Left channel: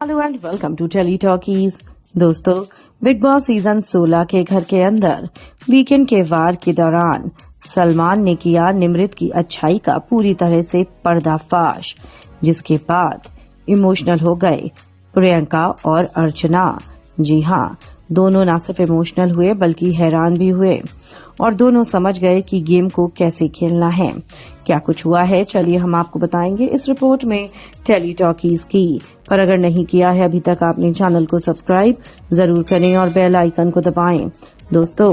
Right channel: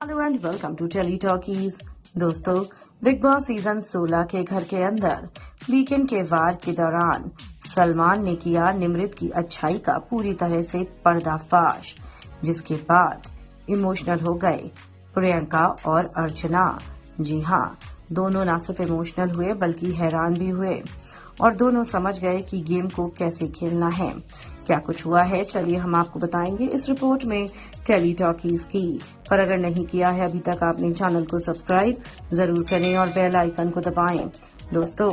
Hello and welcome to Tele Talkies. दोस्तों, Bigg Boss season 16 के घर के अंदर वीकेंड के वार के दौरान सलमान ने किया निमृत की अच्छाई का पूरी तरह से पर्दाफाश, जिसके बाद इमोशनल हो गए प्रियंका और अर्चना। जी हाँ, दोनों न सिर्फ इमोशनल हुए बल्कि हैरान भी हुए और दोनों समझ गए कि गेम को कैसे खेलना है। क्या कुछ हुआ है, चलिए हम आपको बताएंगे इस रिपोर्ट में टेली टॉकीज की। पर अगर नहीं किया है अभी तक आपने चैनल को सब्सक्राइब जरूर करें और बेल आइकन को दबाएं। दोस्तों,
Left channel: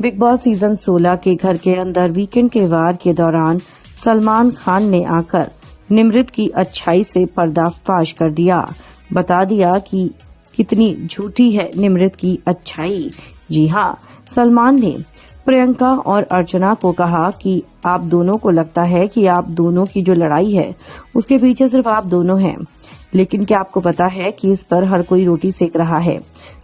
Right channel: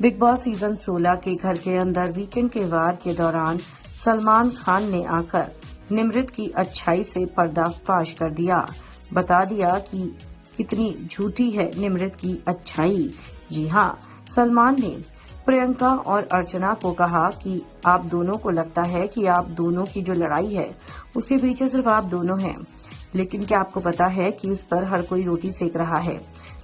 बिग बॉस सीजन 16 के घर के अंदर वीकेंड के वार के दौरान सलमान खान ने आकर निमृत की अच्छाई से पर्दाफाश कर दिया, बता दिया कि कितनी झूठी है निमृत की अच्छाई। जी हाँ, सलमान ने प्रियंका और अर्चना को कहा कि आप दोनों को लगता है कि आप दोनों की जो लड़ाई है उसके पीछे सिर्फ आप दोनों हैं, लेकिन क्या आपको पता है कि इस पर हर कोई रोटी सेक रहा है।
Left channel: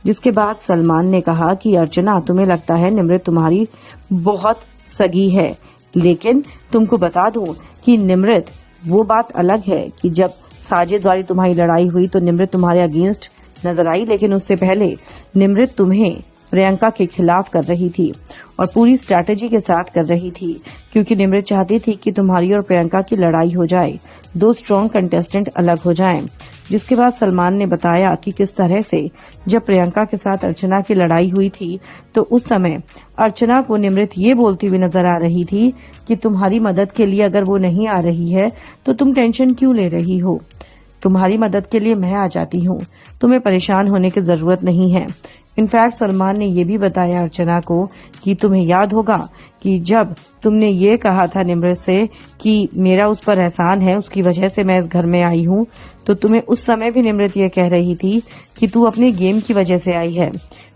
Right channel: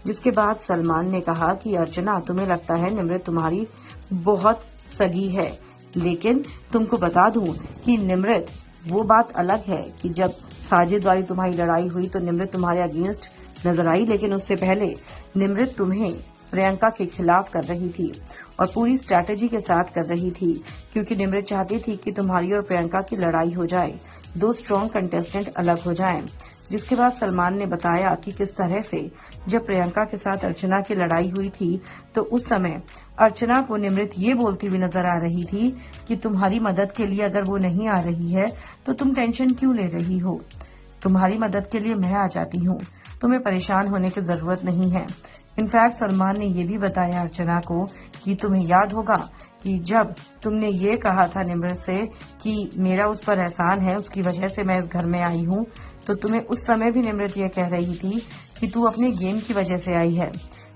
जिसके बाद सलमान ने कहा कि अर्चना, तुम्हें लगता है निमृत तुम्हारी बहुत सगी है, लेकिन तुमको बता दूं कि निमृत वो बात अलग है कि जब साजिद वाली तुम्हारी लड़ाई हुई तो निमृत तुम्हारे अगेंस्ट नजर आई, लेकिन उससे पहले निमृत तुम्हें प्रियंका के खिलाफ कर रही थी और पूरी स्ट्रैटेजी के साथ कर रही थी, क्योंकि निमृत चाहती थी कि तुम्हारी और प्रियंका की लड़ाई हो जाए, दो स्ट्रॉन्ग कंटेस्टेंट अलग हो जाएं। जिसके बाद सलमान ने बताया कि किस तरह से जब प्रियंका के साथ अर्चना की लड़ाई हुई थी तो उस समय अर्चना को निमृत ये बोलती हुई नजर आ रही थी कि तुम्हारी मदद के लिए अगर वो नहीं आ रही है तो तुम टेंशन क्यों ले रही हो, तुम्हारी मदद के लिए मैं आ जाती हूँ, तुम्हें परेशान होने की जरूरत नहीं है। इनफैक्ट सलमान ने ये भी बताया अर्चना को कि तुम्हें याद होगा कि जब तुमने ये कहा था निमृत से कि मेरा उस पर एहसान है, उसकी वजह से मैं इस घर में आई हूँ, तो तुम्हें उस समय भी निमृत ये कह रही थी कि तू अपने गेम की वजह से आई है,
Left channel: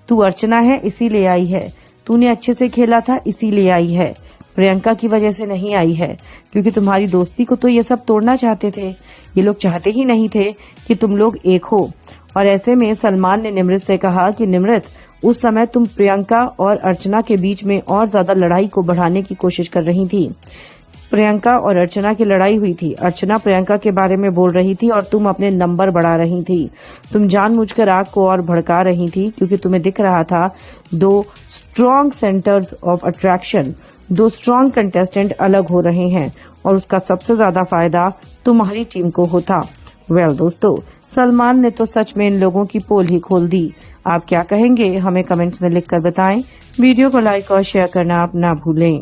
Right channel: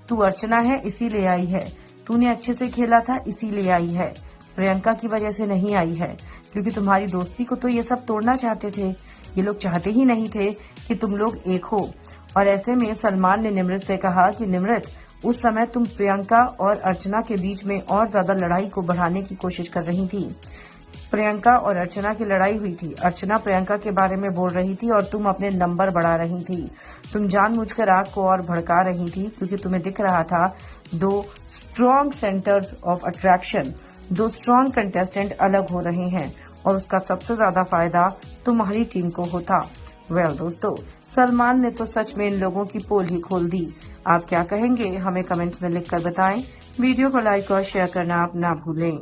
तू अर्चना है इसीलिए आई है, तूने अच्छे से खेला था इसीलिए आई है, प्रियंका की वजह से नहीं आई है, क्योंकि तुम्हारी दोस्ती को तो ये सब तोड़ना चाहते थे, ये लोग चाहते ही नहीं थे कि तुम लोग एक हो। और ऐसे में सलमान ने निमृत से कहा कि निमृत, उस समय तुम प्रियंका और अर्चना के बीच में और ज्यादा लड़ाई को बढ़ाने की कोशिश कर रही थी। प्रियंका और अर्चना की लड़ाई हुई थी, अर्चना प्रियंका के बारे में बोल रही थी और तुम अपने नंबर बढ़ा रही थी, तुम जानबूझकर आग को और भड़का रही थी, क्योंकि तुम्हें दिख रहा था दो स्ट्रॉन्ग सेंटर्स ऑफ अट्रैक्शन, दो स्ट्रॉन्ग कंटेस्टेंट अलग हो रहे हैं और उसका सबसे ज्यादा फायदा तुम्हारी टीम को होता। वेल दोस्तों, सलमान ने तो सच में इन लोगों की पोल ही खोल दी। आप क्या कहेंगे, हमें कमेंट्स में लिखकर बताएं। वीडियो को लाइक और शेयर करना आप ना भूलें।